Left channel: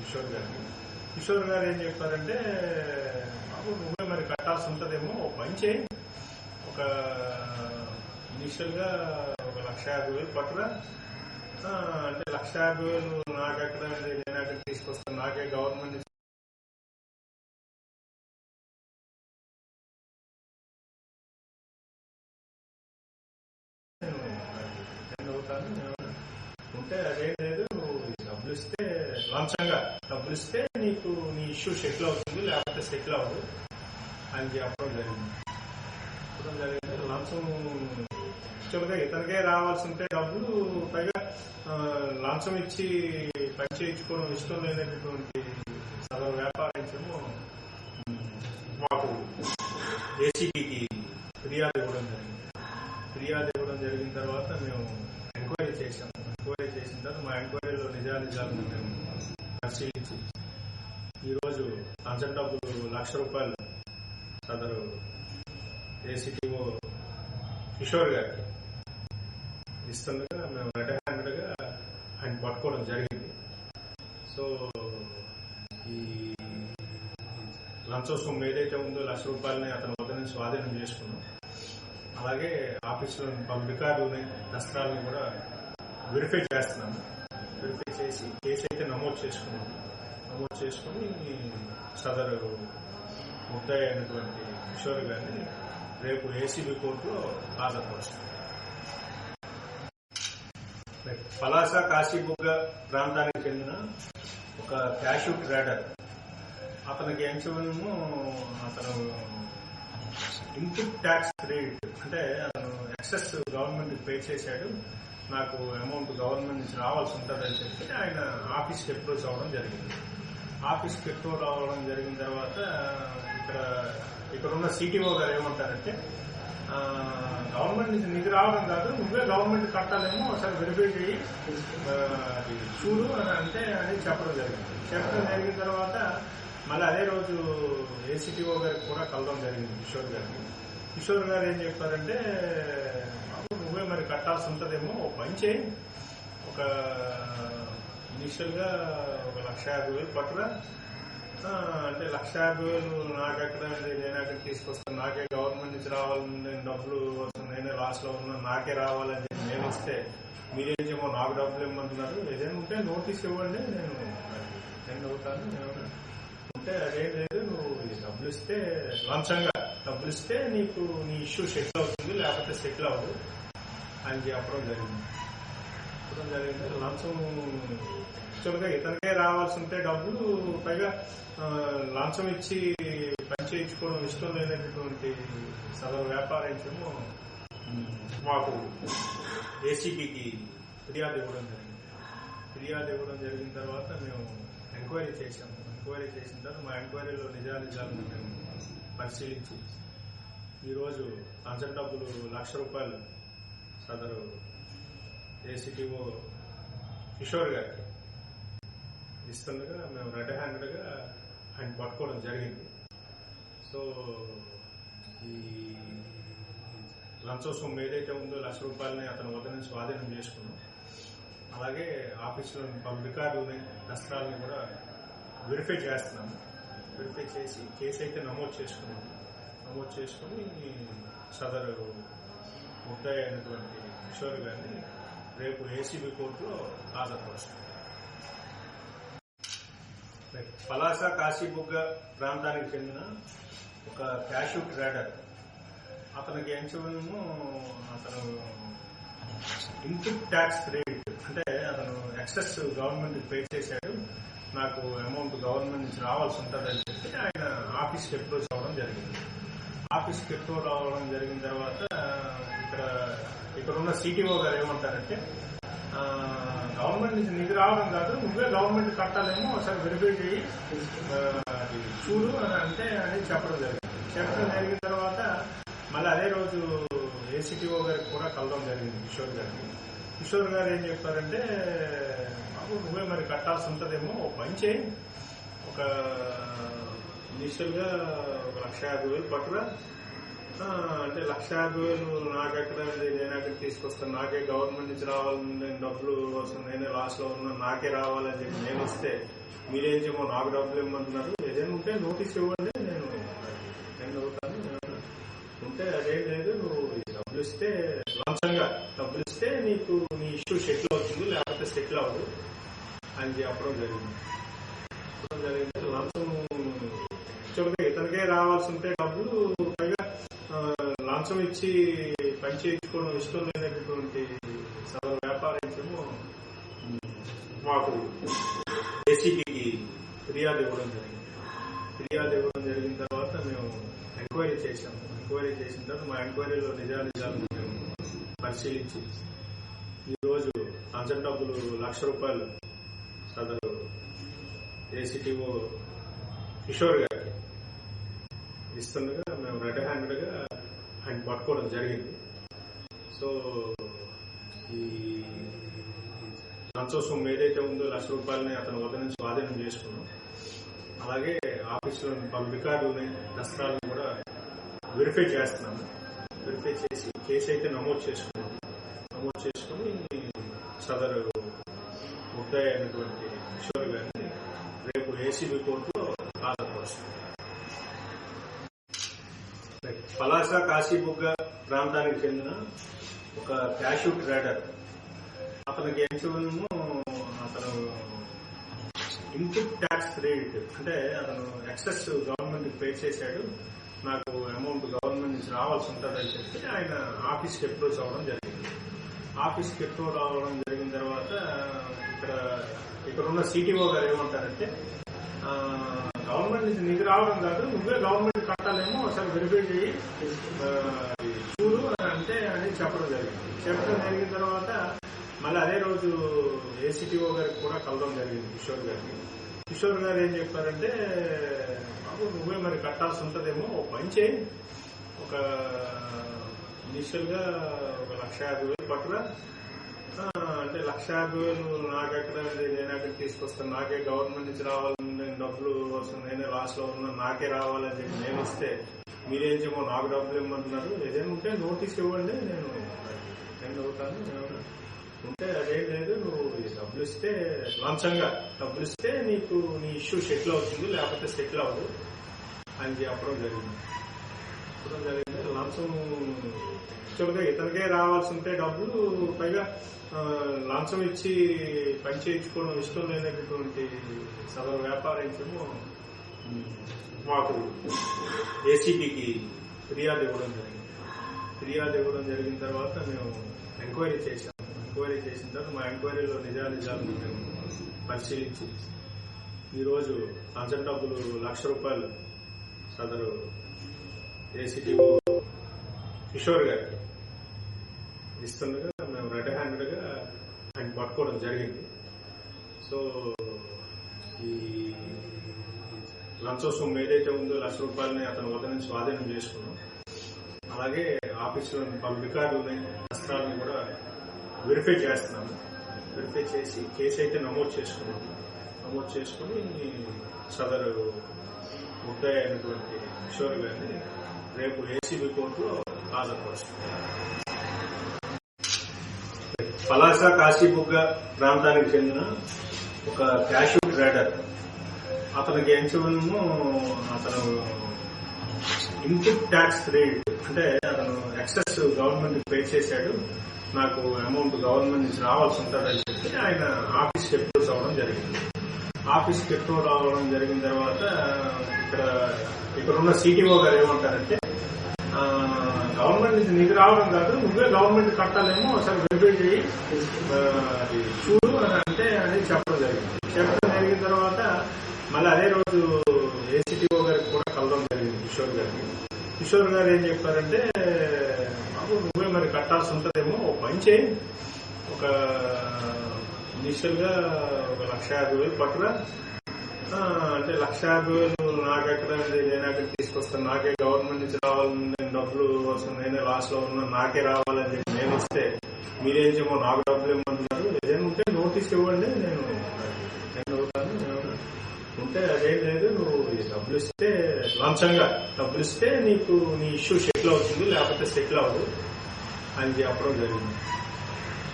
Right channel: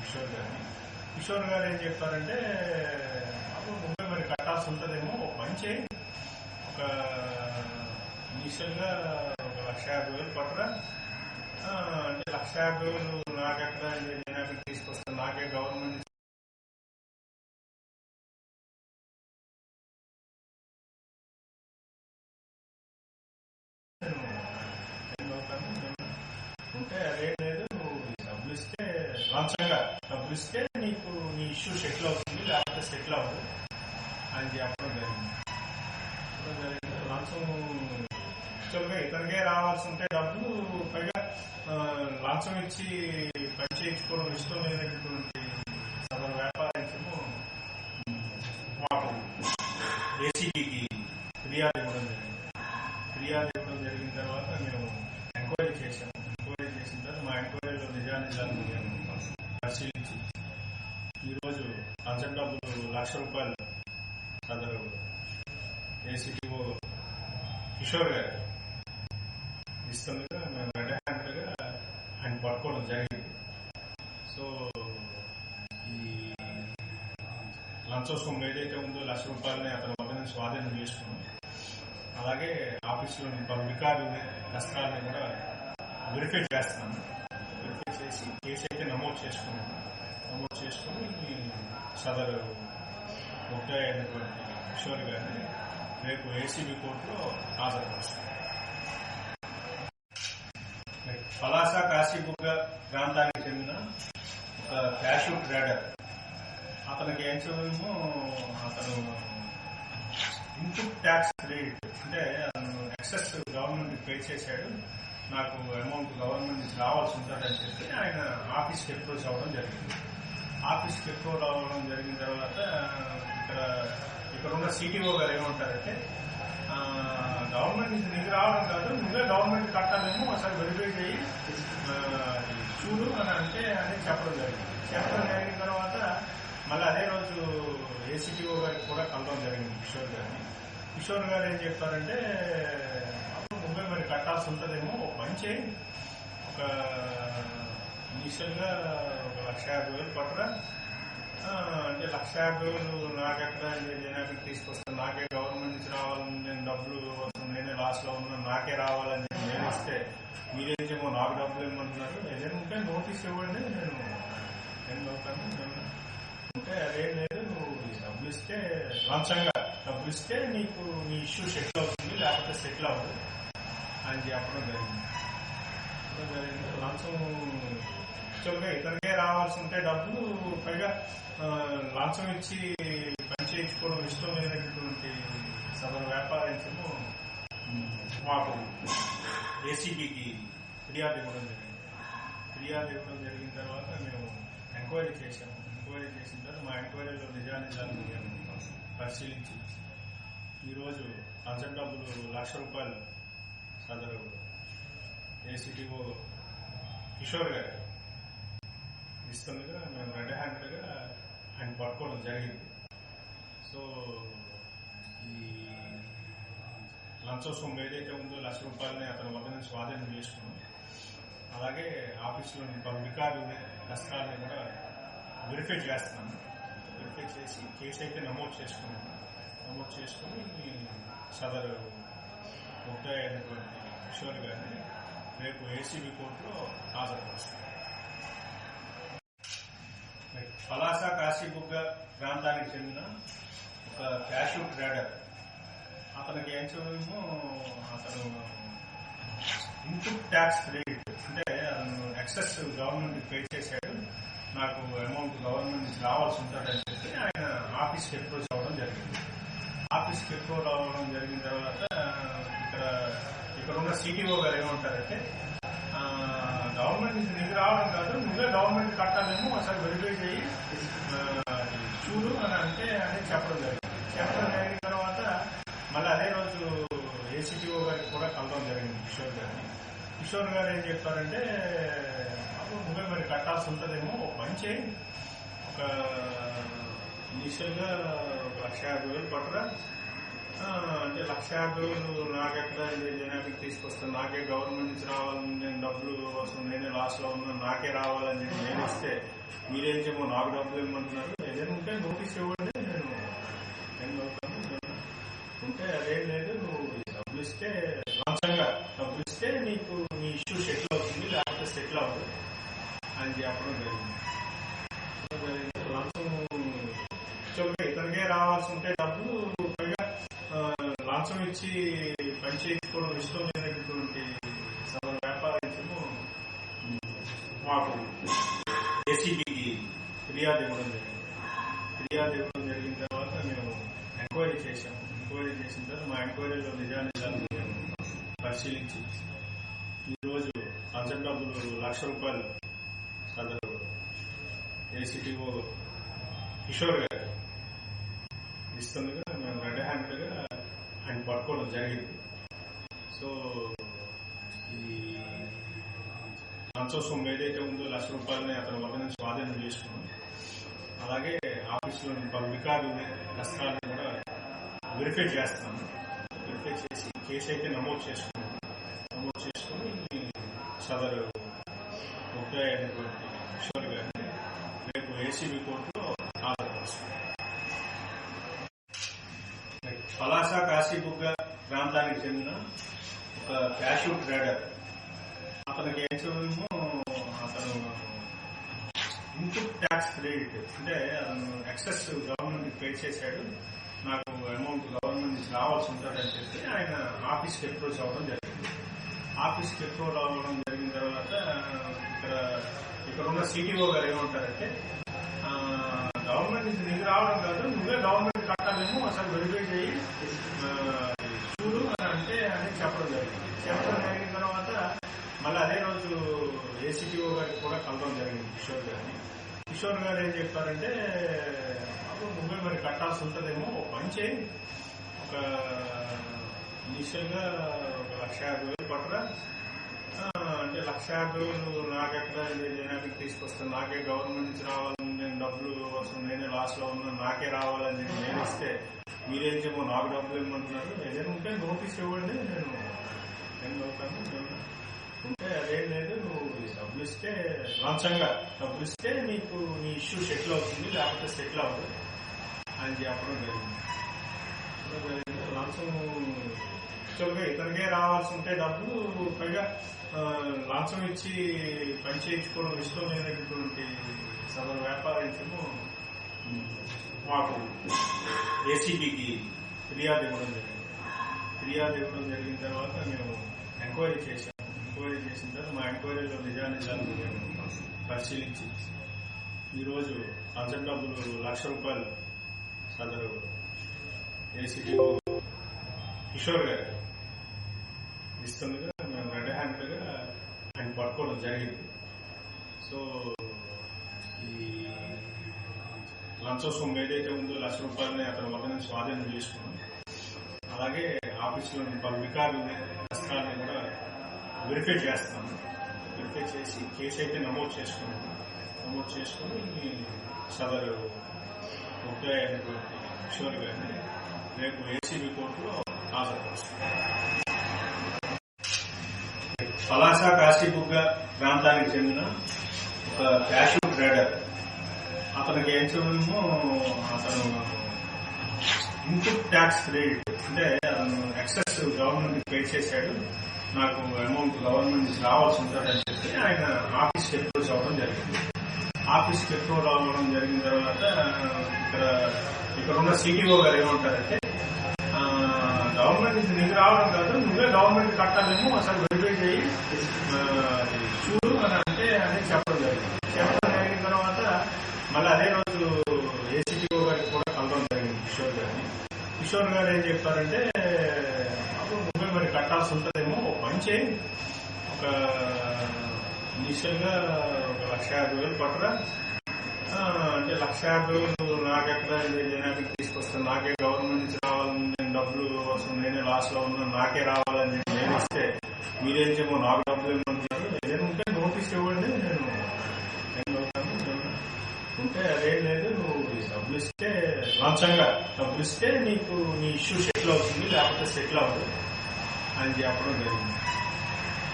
కిషోర్ గారిని. కిషోర్ గారు ఏం చెప్పారంటే బాబు నువ్వే మరి కట్టాల్సి ఉంటుందేమో ఓ పని చేయి. ఒక ఇనిషియల్గా ఒక లక్ష యాభై వేలు పట్టురా. అంటే లక్ష యాభై వేలు నాకెక్కడ నేను అక్కడ తీసుకొస్తాను? నాకే గవర్నమెంట్ నేను అవుతాను ఉంటే అదేం లేదు. నువ్వు డబ్బులు ఇస్తే లంచంగా డబ్బులు ఇస్తే నీకు నీ ఇష్యూ సెటిల్ అవుతుంది లేకపోతే సెటిల్ అవ్వదు. అని చెప్పడం జరిగింది. చెప్పడం జరిగింది. లంచం యాక్చువల్గా ఇతనికే రావాల్సి ఉంటే డబ్బులు పైగా లంచం ఇచ్చి పని చేయించుకోవడం ఇష్టం లేనటువంటి సదరు వ్యాపారించము మాకు ఏసీబీకి ఫిర్యాదు ఇవ్వడం జరిగింది ఫిర్యాదు ఇవ్వడం జరిగిన తర్వాత మేము ఎంక్వైరీ చేశాము ఎంక్వైరీ చేసిన తర్వాత మా ఎంక్వైరీలో నిజానిజాలను మేము పరిశీలించి ఈరోజు లంచం డబ్బులు లక్ష రూపాయలు సదరు ఏసీటీఓ కిషోర్ గారికి ఇస్తుండగా మేము రెడ్ హ్యాండెడ్గా ఆయన పట్టుకోవడం జరిగింది. సో ఈ లంచం సొమ్ము ఏదైతే ఉందో లక్ష రూపాయలని అతని వద్ద నుంచి స్వాధీనం చేసుకున్నాం. అలాగే ఆఫీసులో పలు రికార్డులని దస్త్రాలని కూడా వెరిఫై చేస్తున్నాను వెరిఫై చేసి కేసు అయితే నమోదు చేసుకున్నాను నమోదు చేసుకుని సదరు ముద్దాయి అయినటువంటి కిషోర్ గారిని రేపు ఏసీబీ కోర్టులో హాజరుపరుస్తుంది. పలాస కాశీబుగ్గ ప్రాంతానికి చెందిన ఒక క్యాషూ రైడర్. అతనికి ఎంచమేమో అతను ఇన్పుట్ ట్యాక్స్ క్రెడిట్ అంటే అతను ఎక్సెస్ గవర్నమెంట్ పే చేశాడు. నాకు అమౌంట్ గవర్నమెంట్ నుంచి రావాల్సి ఉంటుందని చెప్పి ఆయన ఆఫీస్కి అప్రోచ్ అవ్వడం జరిగింది. ఆఫీస్కి కిఫ్ట్ అవ్వడం జరిగిన తర్వాత ఇక్కడ ఇక్కడ ఉన్న సిటీఓ గారు ఏమంటారంటే గవర్నమెంట్ నుంచి నిధి రావడం కాదు నువ్వే గవర్నమెంట్ కట్టాలేమో ఒకసారి వెరిఫై చేయి అది చూడు అని అంటే అనేది చెప్పడం జరిగింది. చెప్పడం జరిగిన తర్వాత మళ్ళీ అదే రోజు ఏసీటీఓ గారికి కూడా కలవడం జరిగింది కిషోర్ గారిని. కిషోర్ గారు ఏం చెప్పారంటే నువ్వే మరి కట్టాల్సి ఉంటుందేమో పని చేయి. ఒక ఇనిషియల్గా ఒక లక్ష యాభై వేలు పట్టురా అంటే లక్ష యాభై వేలు నాకెక్కడ నేను అక్కడ తీసుకొస్తాను. నాకే గవర్నమెంట్ నుంచి రావాలని నేను డబ్బులు వస్తుంది నేనే లాస్ట్లో లో ఉన్నాను నాకే రావాలని చెప్పి నేను ఇస్తే మీరేం చేయమో నాకు డబ్బులు ఇవ్వమంటున్నారు. ఏదైనా ఉంటే నోటీస్ ఇవ్వండి నేను అటెండ్ అవుతాను. అంటే ఉంటే అదేం లేదు నువ్వు డబ్బులు ఇస్తే లంచంగా డబ్బులు ఇస్తే నీకు నీ ఇష్యూ సెటిల్ అవుతుంది లేకపోతే సెటిల్ అవ్వదు అని చెప్పడం జరిగింది. చెప్పడం జరిగింది. లంచం యాక్చువల్గా ఇతనికే రావాల్సి ఉంటే డబ్బులు పైగా లంచం ఇచ్చి పని చేయించుకోవడం ఇష్టం లేనటువంటి సదరు వ్యాపారించము మాకు ఏసీబీకి ఫిర్యాదు ఇవ్వడం జరిగింది. ఫిర్యాదు ఇవ్వడం జరిగిన తర్వాత మేము ఎంక్వైరీ చేశాము. ఎంక్వైరీ చేసిన తర్వాత మా ఎంక్వైరీలో నిజానిజాలను మేము పరిశీలించి ఈరోజు లంచం డబ్బులు లక్ష రూపాయలు సదరు ఏసీటీఓ కిషోర్ గారికి ఇస్తుండగా మేము రెడ్ హ్యాండెడ్గా ఆయన పట్టుకోవడం జరిగింది. సో ఈ లంచోత్సవం సొమ్ము ఏదైతే ఉందో లక్ష రూపాయలని అతని వద్ద నుంచి స్వాధీనం చేసుకున్నాం. అలాగే ఆఫీసులోని పలు రికార్డులని దస్త్రాలని కూడా వెరిఫై చేస్తున్నాము వెరిఫై చేసి కేసు అయితే నమోదు చేసుకున్నాము నమోదు చేసుకుని సదరు ముద్దాయి అయినటువంటి కిషోర్ గారిని రేపు ఏసీబీ కోర్టులో హాజరుపరుస్తాను పలాస కాశీబుగ్గ ప్రాంతానికి చెందిన ఒక క్యాషూ ట్రేడర్ అతనికి ఎంచమేమో అతను ఇన్పుట్ ట్యాక్స్ క్రెడిట్ అంటే అతను ఎక్సెస్ గవర్నమెంట్ పే చేశాడు. నాకు అమౌంట్ గవర్నమెంట్ నుంచి రావాల్సి ఉంటుందని చెప్పి ఆయన ఆఫీస్కి అప్రోచ్ అవ్వడం జరిగింది. ఆఫీస్కి అప్రోచ్ అవ్వడం జరిగిన తర్వాత ఇక్కడ ఇక్కడ ఉన్న సిటీఓ గారు ఏమంటారంటే గవర్నమెంట్ నుంచి నీకు రావడం కాదు నువ్వే గవర్నమెంట్ కట్టాలేమో ఒకసారి వెరిఫై చేయి అది చూడు అని అంటే అని చెప్పడం జరిగింది. చెప్పడం జరిగిన తర్వాత మళ్ళీ అదే రోజు ఏసీటీఓ గారికి కూడా కలవడం జరిగింది కిషోర్ గారిని. కిషోర్ గారు ఏం చెప్పారంటే బాబు నువ్వే మరి కట్టాల్సి ఉంటుందేమో ఒక పని చేయి. ఒక ఇనిషియల్గా ఒక లక్ష యాభై వేలు పట్టురా. అంటే లక్ష యాభై వేలు నాకెక్కడ నేను అక్కడ తీసుకొస్తాను. నాకే గవర్నమెంట్ నుంచి రావాలని నేను డబ్బులు వస్తుంది నేనే లాస్లో ఉన్నా నాకే రావాలని చెప్పి నేను ఇస్తే మీరేం చెప్పో నాకు డబ్బులు ఇవ్వమంటున్నారు. ఏదైనా ఉంటే నోటీస్ ఇవ్వండి నేను అటెండ్ అవుతాను. ఉంటే అదేం లేదు నువ్వు డబ్బులు ఇస్తే లంచంగా డబ్బులు ఇస్తే నీకు నీ ఇష్యూ సెటిల్ అవుతుంది లేకపోతే సెటిల్ అవ్వదు. అని చెప్పడం జరిగింది. జరిగింది. లంచం ఇతనికే రావాల్సి ఉంటే డబ్బులు లంచం ఇచ్చి పని చేయించుకోవడం ఇష్టం లేనటువంటి సదరు వ్యాపారము మాకు ఏసీబీకి ఫిర్యాదు ఇవ్వడం జరిగింది. ఫిర్యాదు ఇవ్వడం జరిగిన తర్వాత మేము ఎంక్వైరీ చేశాము. ఎంక్వైరీ చేసిన తర్వాత మా ఎంక్వైరీలో నిజానిజాలను మేము పరిశీలించి ఈరోజు లంచం డబ్బులు లక్ష రూపాయలు సదరు ఏసీటీఓ కిషోర్ గారు ఇస్తుండగా మేము రెడ్ హ్యాండెడ్గా ఆయన పట్టుకోవడం జరిగింది. సో ఈ లంచం సొమ్ము ఏదైతే ఉందో లక్ష రూపాయలని అతని వద్ద నుంచి స్వాధీనం చేసుకున్నాం. అలాగే ఆఫీసులోని పలు రికార్డులని దస్త్రాలను కూడా వెరిఫై చేస్తున్నాము వెరిఫై చేసి కేసు అయితే నమోదు చేసుకున్నాం. నమోదు చేసుకుని సదరు ముద్దాయి అయినటువంటి కిషోర్ గారిని రేపు ఏసీబీ కోర్టులో హాజరుపరుస్తున్నాం. పలాస కాశీబుగ్గ ప్రాంతానికి చెందిన ఒక క్యాషూ ట్రేడర్ అతనికి ఏంచేమో అతను ఇన్పుట్ ట్యాక్స్ క్రెడిట్ అంటే అతను ఎక్సెస్ గవర్నమెంట్ పే చేశాడు. నాకు అమౌంట్ గవర్నమెంట్ నుంచి రావాల్సి ఉంటుందని చెప్పి ఆయన ఆఫీస్కి అప్రోచ్ అవ్వడం జరిగింది. ఆఫీస్కి అప్రోచ్ అవ్వడం జరిగిన తర్వాత ఇక్కడ ఇక్కడ ఉన్న సిటీఓ గారు ఏమంటారంటే గవర్నమెంట్ నుంచి నిధి రావడం కాదు నువ్వే గవర్నమెంట్ కట్టాలేమో అసలు వెరిఫై చేయి. చూడు అని అంటే అని చెప్పడం జరిగింది. చెప్పడం జరిగిన తర్వాత మళ్ళీ అదే రోజు ఏసీటీఓ గారికి కూడా కలవడం జరిగింది కిషోర్ గారిని. కిషోర్ గారు ఏం చెప్పారంటే బాబు నువ్వే మరి కట్టాల్సి ఉంటుందేమో ఓ పని చేయి. ఒక ఇనిషియల్గా ఒక లక్ష యాభై వేలు పట్టురా. అంటే లక్ష యాభై వేలు నాకెక్కడ నేను తీసుకొస్తాను. నాకే గవర్నమెంట్ నుంచి రావాలని నేను డబ్బులు వస్తున్నాను నేనే లాస్ట్లో ఉన్నా నాకే రావాలని చెప్పి నేను ఇస్తే మీరేం చేయమో నాకు డబ్బులు ఇవ్వమంటున్నారు. ఏదైనా ఉంటే నోటీస్ ఇవ్వండి నేను అటెండ్ అవుతాను ఏమన్నా ఉంటే. అదేం లేదు నువ్వు డబ్బులు ఇస్తే లంచంగా డబ్బులు ఇస్తే నీకు నీ ఇష్యూ సెటిల్ అవుతుంది లేకపోతే సెటిల్ అవ్వదు అని చెప్పడం జరిగింది. చెప్పడం జరిగింది. లంచం యాక్చువల్గా ఇతనికే రావాల్సి ఉంటే డబ్బులు పైగా లంచం ఇచ్చి పని చేయించుకోవడం ఇష్టం లేనటువంటి సదరు వ్యాపారించము మాకు ఏసీబీకి ఫిర్యాదు ఇవ్వడం జరిగింది. ఫిర్యాదు ఇవ్వడం జరిగిన తర్వాత మేము ఎంక్వైరీ చేశాము ఎంక్వైరీ చేసిన తర్వాత మా ఎంక్వైరీలో నిజానిజాలను మేము పరిశీలించి ఈరోజు లంచం డబ్బులు లక్ష రూపాయలు సదరు ఏసీటీఓ కిషోర్ గారికి ఇస్తుండగా మేము రెడ్ హ్యాండెడ్గా ఆయన పట్టుకోవడం జరిగింది. సో ఈ లంచం సొమ్ము ఏదైతే ఉందో లక్ష రూపాయలని అతని వద్ద నుంచి స్వాధీనం చేసుకున్నాం. అలాగే ఆఫీసులో పలు రికార్డులని నష్టాలని కూడా వెరిఫై చేస్తున్నాము వెరిఫై చేసి కేసు అయితే నమోదు చేసుకున్నాము నమోదు చేసుకుని సదరు ముద్దాయి అయినటువంటి కిషోర్ గారిని రేపు ఏసీబీ కోర్టులో హాజరుపరుస్తాం పలాస కాశీబుగ్గ ప్రాంతానికి చెందిన ఒక క్యాషూ ట్రేడర్ అతనికి ఏంచేమో అతను ఇన్పుట్ ట్యాక్స్ క్రెడిట్ అంటే అతను ఎక్సెస్ గవర్నమెంట్ పే చేశాడు. నాకు అమౌంట్ గవర్నమెంట్ నుంచి రావాల్సి ఉంటుందని చెప్పి ఆయన ఆఫీస్కి అప్రోచ్ అవ్వడం జరిగింది. ఆఫీస్కి అప్రోచ్ అవ్వడం జరిగిన తర్వాత ఇక్కడ ఇక్కడ ఉన్న సిటీఓ గారు ఏమంటారంటే గవర్నమెంట్ నుంచి నిధి రావడం కాదు నువ్వే గవర్నమెంట్ కట్టాలేమో అసలు వెరిఫై చేయి. అది చూడు అని అంటే అని చెప్పడం జరిగింది. చెప్పడం జరిగిన తర్వాత మళ్ళీ అదే రోజు ఏసీటీఓ గారికి కూడా కలవడం జరిగింది కిషోర్ గారిని. కిషోర్ గారు ఏం చెప్పారంటే బాబు నువ్వే మరి కట్టాల్సి ఉంటుందేమో ఓ పని చేయి. ఒక ఇనిషియల్గా ఒక లక్ష యాభై వేలు పట్టురా. అంటే లక్ష యాభై నాకెక్కడ నేను అక్కడ తీసుకొస్తాను. నాకే గవర్నమెంట్ నుంచి రావాలని నేను డబ్బులు వస్తుంది నేనే లాస్ట్లో ఉన్నా నాకే రావాలని చెప్పి నేను ఇస్తే మీరేం చేయమో నాకు డబ్బులు ఇవ్వమంటున్నారు ఏదైనా ఉంటే నోటీస్ ఇవ్వండి. నేను అటెండ్ అవుతాను ఉంటే అదేం లేదు. నువ్వు డబ్బులు ఇస్తే లంచంగా డబ్బులు ఇస్తే నీకు నీ ఇష్యూ సెటిల్ అవుతుంది. లేకపోతే సెటిల్ అవ్వదు. అని చెప్పడం జరిగింది.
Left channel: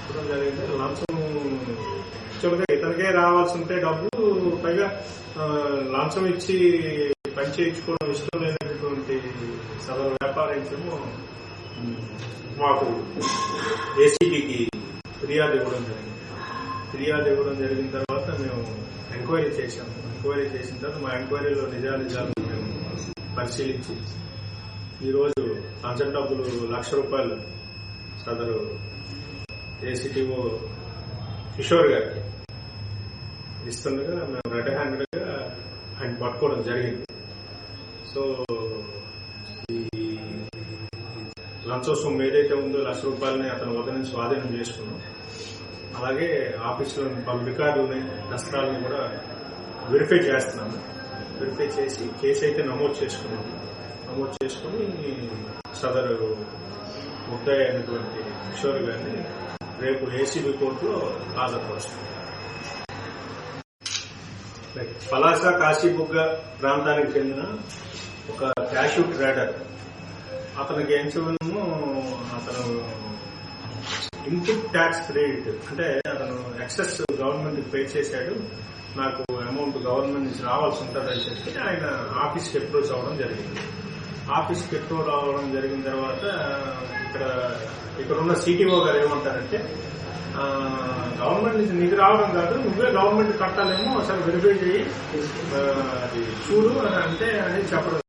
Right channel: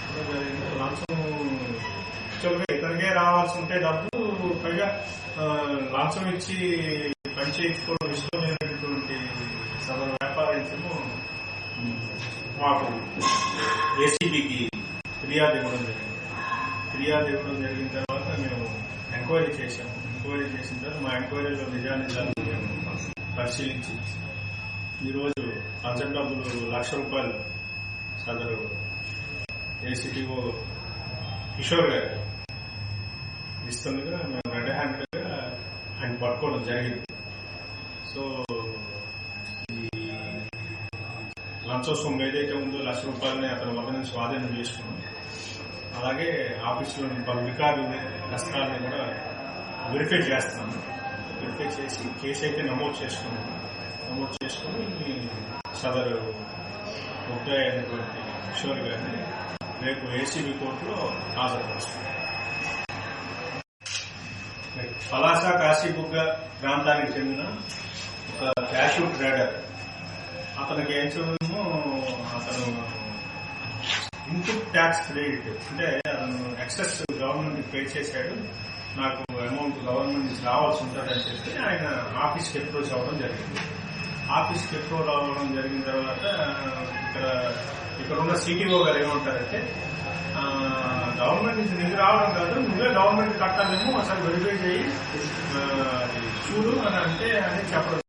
చెప్పడం జరిగింది. లంచం చెబితే ఇతనికే రావాల్సి ఉంటే డబ్బులు పైగా లంచం ఇచ్చి పని చేయించుకోవడం ఇష్టం లేనటువంటి సదరు వ్యాపారేమో మాకు ఏసీబీకి ఫిర్యాదు ఇవ్వడం జరిగింది. ఫిర్యాదు ఇవ్వడం జరిగిన తర్వాత మేము ఎంక్వైరీ చేశాము. ఎంక్వైరీ చేసిన తర్వాత మా ఎంక్వైరీలో నిజానిజాలు మేము పరిశీలించి ఈరోజు లంచం డబ్బులు లక్ష రూపాయలు సదరు ఏసీటీఓ కిషోర్ గారికి ఇస్తుండగా నా రెడ్ హ్యాండెడ్గా ఆయన పట్టుకోవడం జరిగింది. సో ఈ లంచం సొమ్ము ఏదైతే ఉందో లక్ష రూపాయలని అతని వద్ద నుంచి స్వాధీనం చేసుకున్నాం. అలాగే ఆఫీసులోని పలు రికార్డులని నష్టాలని కూడా వెరిఫై చేస్తున్నాను. వెరిఫై చేసి కేసు అయితే నమోదు చేసుకున్నాను నమోదు చేసుకుని సదరు ముద్దాయి అయినటువంటి కిషోర్ గారిని రేపు ఏసీబీ కోర్టులో హాజరుపరుస్తాం పలాస కాశీబుగ్గ ప్రాంతానికి చెందిన ఒక క్యాషూ ట్రేడర్ అతనికి ఏం అతను ఇన్పుట్ ట్యాక్స్ క్రెడిట్. అంటే అతను ఎక్సెస్ గవర్నమెంట్ పే చేశాడు. నాకు అమౌంట్ గవర్నమెంట్ నుంచి రావాల్సి ఉంటుందని చెప్పి ఆయన ఆఫీస్కి అప్రోచ్ అవ్వడం జరిగింది. ఆఫీస్కి అప్రోచ్ అవ్వడం జరిగిన తర్వాత ఇక్కడ ఇక్కడ ఉన్న సిటీఓ గారు ఏమంటారంటే గవర్నమెంట్ నుంచి నీకు రావడం కాదు నువ్వే గవర్నమెంట్ కట్టాలేమో ఒకసారి వెరిఫై చేయి చూడు అని అంటే అని చెప్పడం.